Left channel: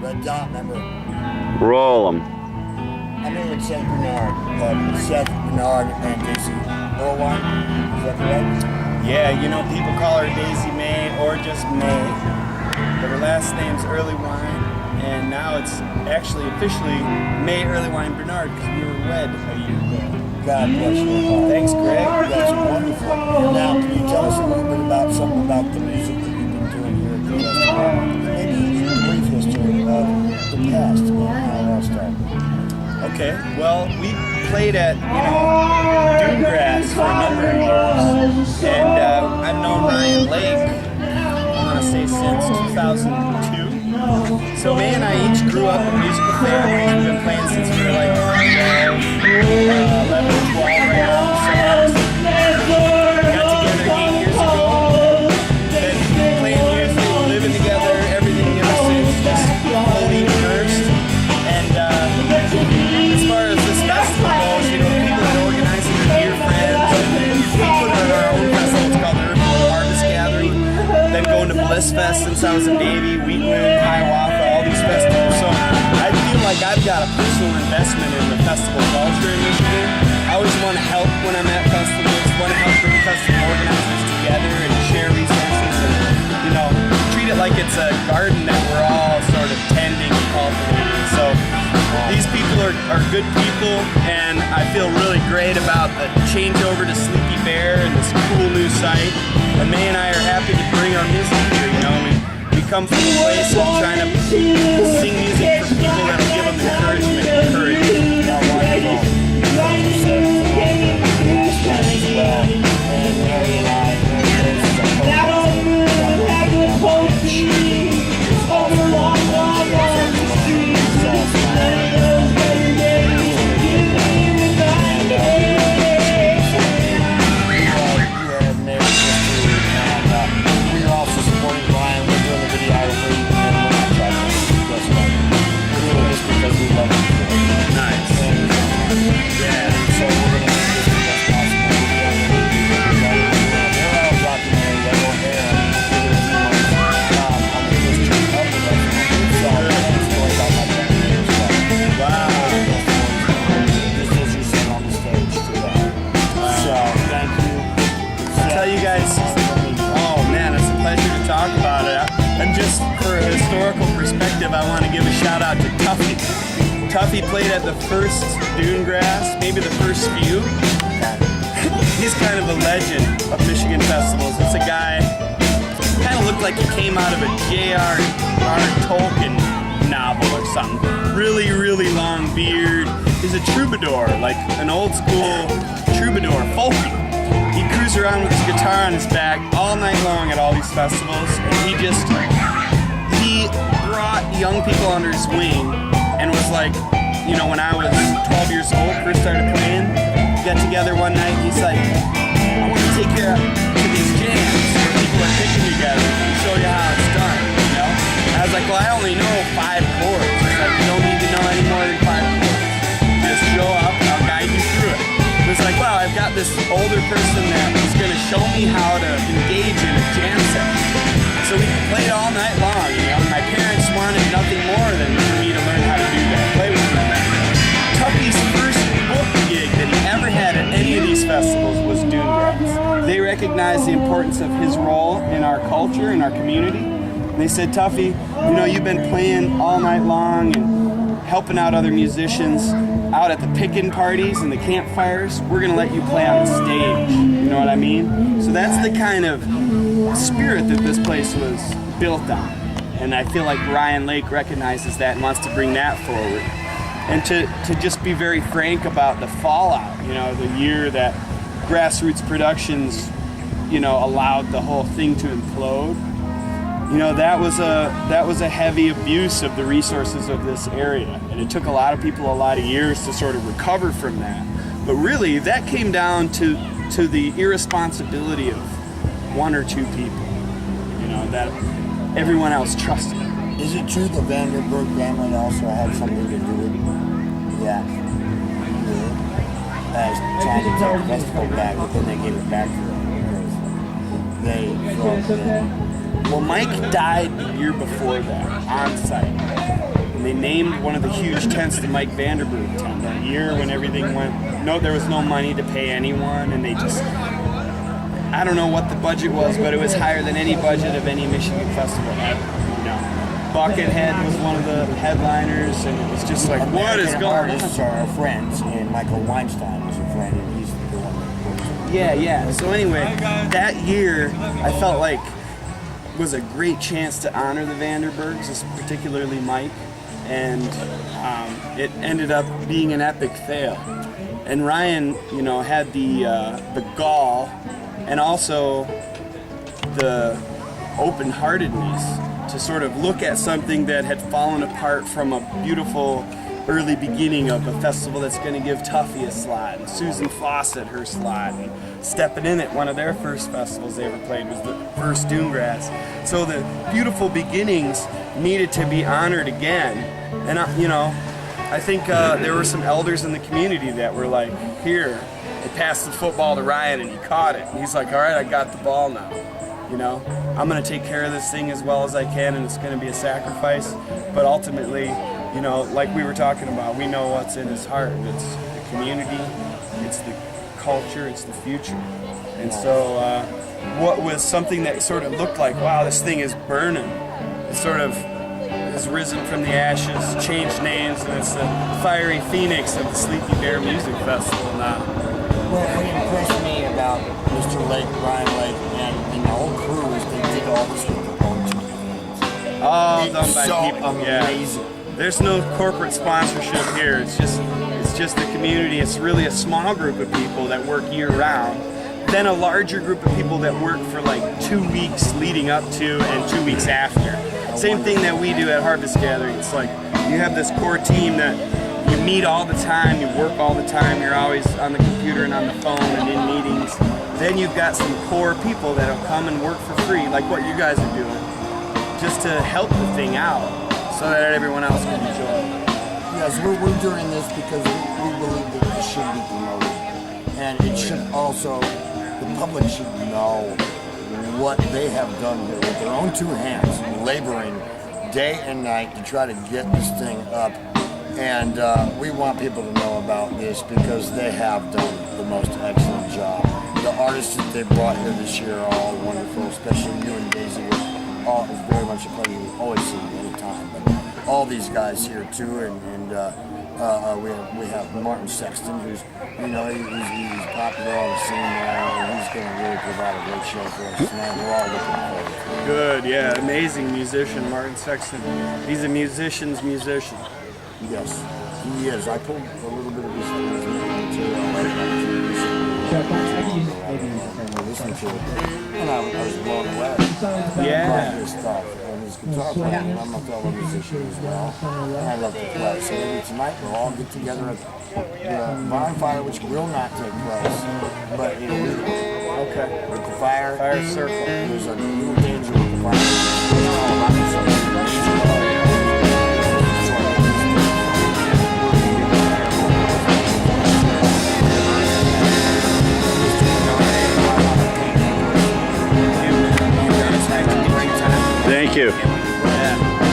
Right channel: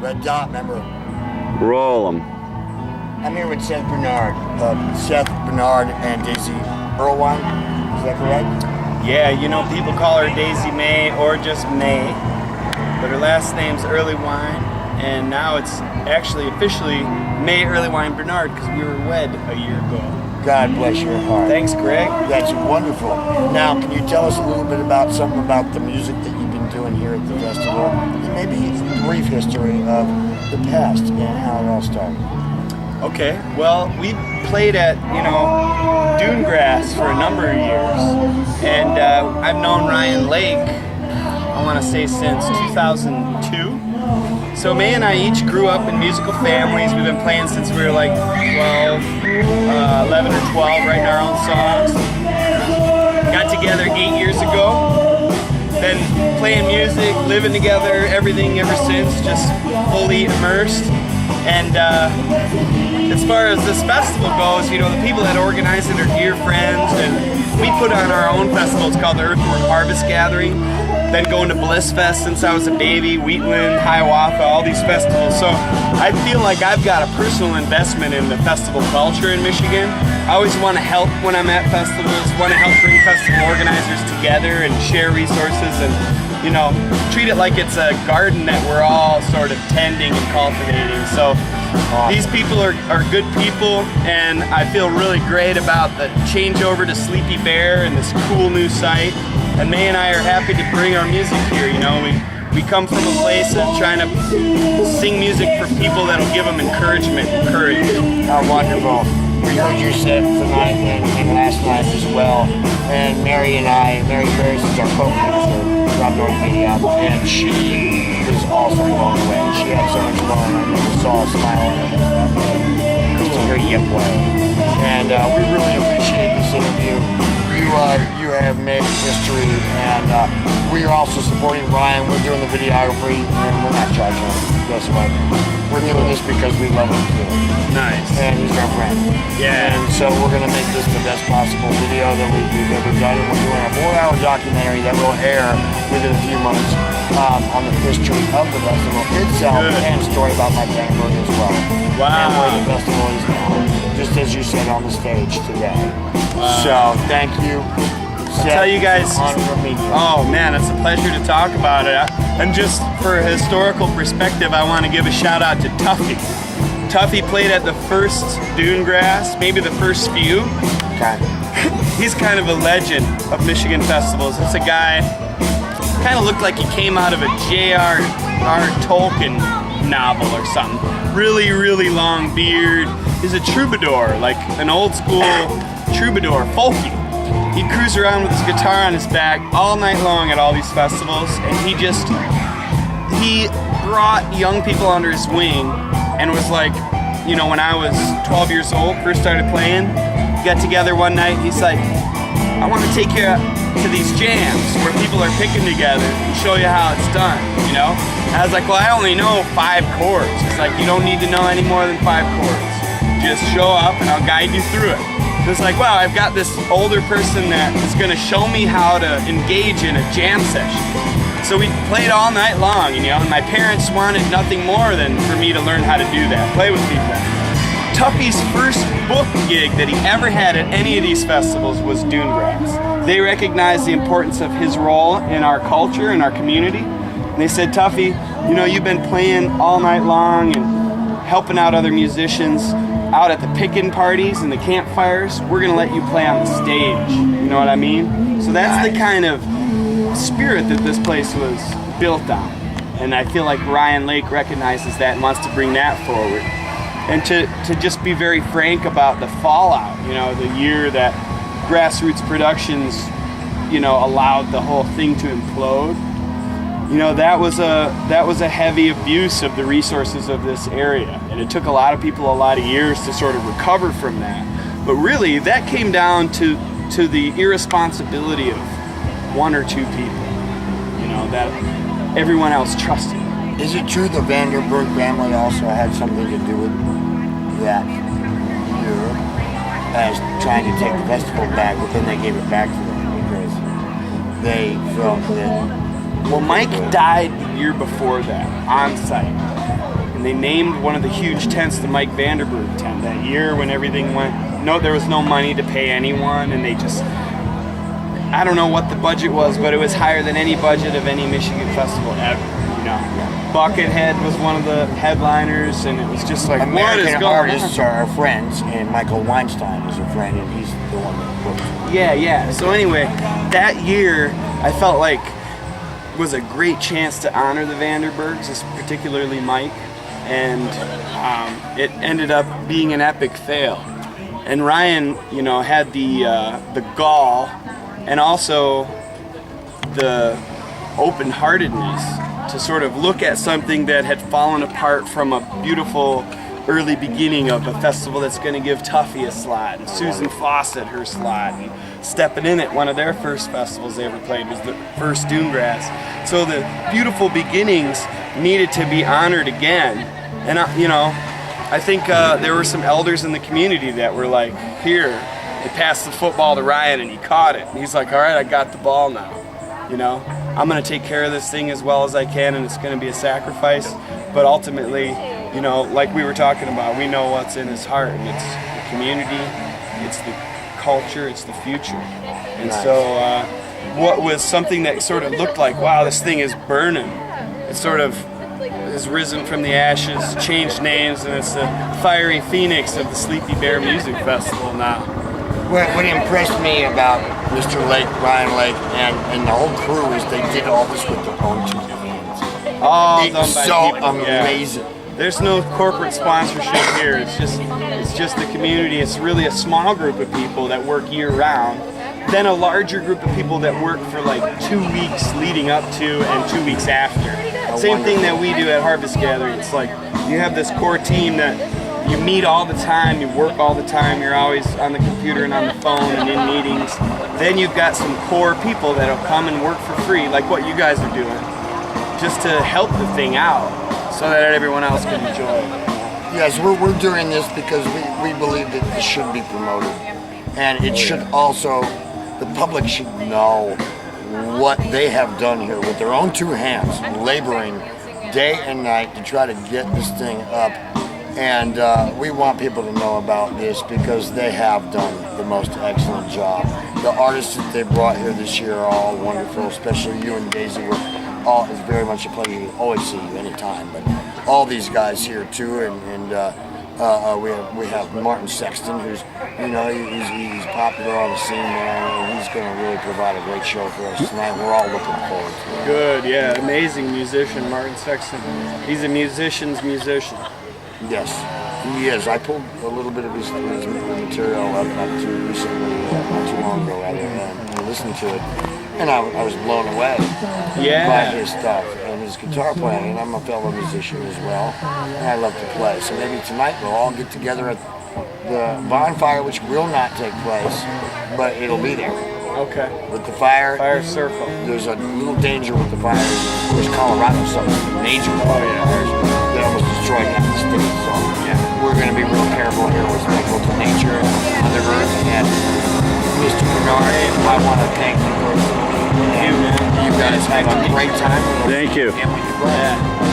Red dot, remember? Roll 'em. I'm here with Seth Bernard. Seth Bernard and Daisy Erlewine. Is that correct? Yeah, you know, people call her Daisy May or just May, but her last name's Erlewine, and now it's actually officially May Erlewine Bernard because we were wed a year ago. God bless your heart. Thanks, Greg. That's wonderful. Now, can you tell us a little bit about something about the music that you've been doing here at the festival, and maybe a brief history of the past and how it all started? Okay, well, we played at, Dunegrass for a number of years, and I've known Ryan Lake, I want to say since 2002. So May and I each grew up in musical families. We've been playing since we were like 12, 11 or 12, writing our own songs. Got together 8 years ago. Been playing music, living together, everything ever since, just fully immersed. And as far as this festival goes, the people that organize it are dear friends, and we put on our own festival. It's called the Earthworm Harvest Gathering. Been going to Bliss Fest since I was a baby, Wheatland, Hiawatha, all these festivals. So I feel like I've got a personal investment in the festival culture in Michigan. I always want to help when I'm at festivals, want to help bring festival organizers together and share resources and, treat it like it's a garden that we're all sort of tending and cultivating. So these people are good people, and I feel really great about the changeover to Sleepy Bear and this cool new site. And May and I are happy to bring our music here. We come from a place of trying to sing music for people that'll give them encouragement and courage. How wonderful. We heard you say tonight and last night as well. And Mary Harris is our co-pastor from North Minneapolis, and she is also blown away. She had so much fun. We saw a smile on her face. It's a great giveaway. And we really appreciate you sitting here. You have made history, and we are also supporting Ryan. We're doing the videography, and we're not charging him. We're doing this because we love him. Nice. And he's our friend. Yeah. And so we're going to make this the best possible video that we do. We're doing a 4-hour documentary that will air within a few months on the history of the festival itself. Good. And a story about my family as well. Wow. And where the festival is going, just as you said on the stage today. So thank you. Tell you guys, oh man, it's a pleasure to talk about it. And just for a historical perspective, I want to give a shout out to Tuffy. Tuffy played at the first Dunegrass, maybe the first few. He's kind of a legend of Michigan festivals. It's a guy, kind of looked like he came out of a J.R.R. Tolkien novel or something. Really, really long beard. He's a troubadour, like an old school troubadour, folky. He'd cruise around with his guitar on his back all night long at all these festivals, and he brought young people under his wing and was like, when I was 12 years old, first started playing, we got together one night, he's like, I want to take you to these jams where people are picking together and show you how it's done, And I was like, well, I only know 5 chords. It's like, you don't need to know any more than 5 chords. Just show up and I'll guide you through it. It's like, wow, I've got this older person that is going to show me how to engage in a jam session. So we played all night long, and my parents wanted nothing more than for me to learn how to do that, play with people. Tuffy's first book gig that he ever had at any of these festivals was Dunegrass. They recognized the importance of his role in our culture and our community. And they said, Tuffy, you've been playing all night long and helping out other musicians out at the pickin' parties and the campfires. We're going to let you play on the stage. You know what I mean? So that's the kind of spirit that this place was built on. And I feel like Ryan Lake recognizes that and wants to bring that forward. And to just be very frank about the fallout, the year that Grassroots Productions, allowed the whole thing to implode. That was a heavy abuse of the resources of this area. And it took a lot of people a lot of years to sort of recover from that. But really, that came down to the irresponsibility of 1 or 2 people, that everyone else trusted. Is it true the Vanderburg family also had something to do with that year as trying to take the festival back, but then they gave it back to them because they felt that Well, Mike died the year before that on site, and they named one of the huge tents the Mike Vanderburg tent that year when everything went. No, there was no money to pay anyone, and they just. I don't know what the budget was, but it was higher than any budget of any Michigan festival ever. You know, Buckethead was one of the headliners, and it was just like, what is American going artists on? are our friends, and Michael Weinstein is a friend, and he's the one that booked it. Yeah. So anyway, that year I felt like was a great chance to honor the Vanderburgs, particularly Mike, and it ended up being an epic fail. And Ryan, you know, had the gall and also the open-heartedness to sort of look at something that had fallen apart from a beautiful early beginning of a festival that's going to give Tuffy a slot and Susan Fawcett her slot, and Stepping In at one of their first festivals they ever played was the first Dunegrass. So the beautiful beginnings needed to be honored again. And you know, I think there were some elders in the community that were like, here, they passed the football to Ryan and he caught it. And he's like, all right, I got the ball now. You know, I'm going to take care of this thing as well as I can, and it's going to be a sacrifice. But ultimately, you know, like we were talking about, we know what's in his heart, and it's the community, it's the culture, it's the future. And so what was something that sort of looked like, wow, this thing is burning, it sort of has risen from the ashes, changed names, and it's the fiery phoenix of the Sleepy Bear Music Festival now. What impressed me about Mr. Lake, Ryan Lake, and the whole crew is they did all this with their own 2 hands. All It's done by so people. Yeah. amazing. There's no corporate sponsorship here. It's just the community. It's really a small group of people that work year round. Then a larger group of people that work for like 2 weeks leading up to and 2 weeks after. Same thing that we do at Harvest Gathering. It's like you have this core team that you meet all the time, you work all the time, you're always on the computer and on the phone and in meetings. Then you've got some core people that'll come and work for free, like what you guys are doing, just to help the thing out so that everyone else can enjoy it. Yes, we're doing this because we believe that this should be promoted. And it should also, the public should know what they have done here with their own 2 hands, laboring day and night to try to get this thing up. And we want people to know about this because they have done the most excellent job. The artists that they brought here this year are all wonderful, especially you and Daisy. It's very much a pleasure to always see you anytime. But all these guys here too, and we have Martin Sexton, who's he's popular on the scene there, and he's going to really provide a great show for us tonight. We're all looking forward to it. Good, yeah, amazing musician, Martin Sexton. He's a musician's musician. Yes, he is. I pulled a little bit of his material up to recently, not too long ago, rather, and listened to it, and I was blown away by his stuff and his guitar playing. And I'm a fellow musician as well, and I love to play. So maybe tonight we'll all get together at the bonfire, which will not take place, but it'll be there. Okay. With the fire circle. There's a little danger with the fire. There's Colorado, something major. Oh yeah. That almost destroyed this thing. So yeah, we're going to be real careful here with people, nature, Mother Earth, and Mr. Bernard. I want to thank you for you guys have a great time. Thank you. And with your brother. Yeah.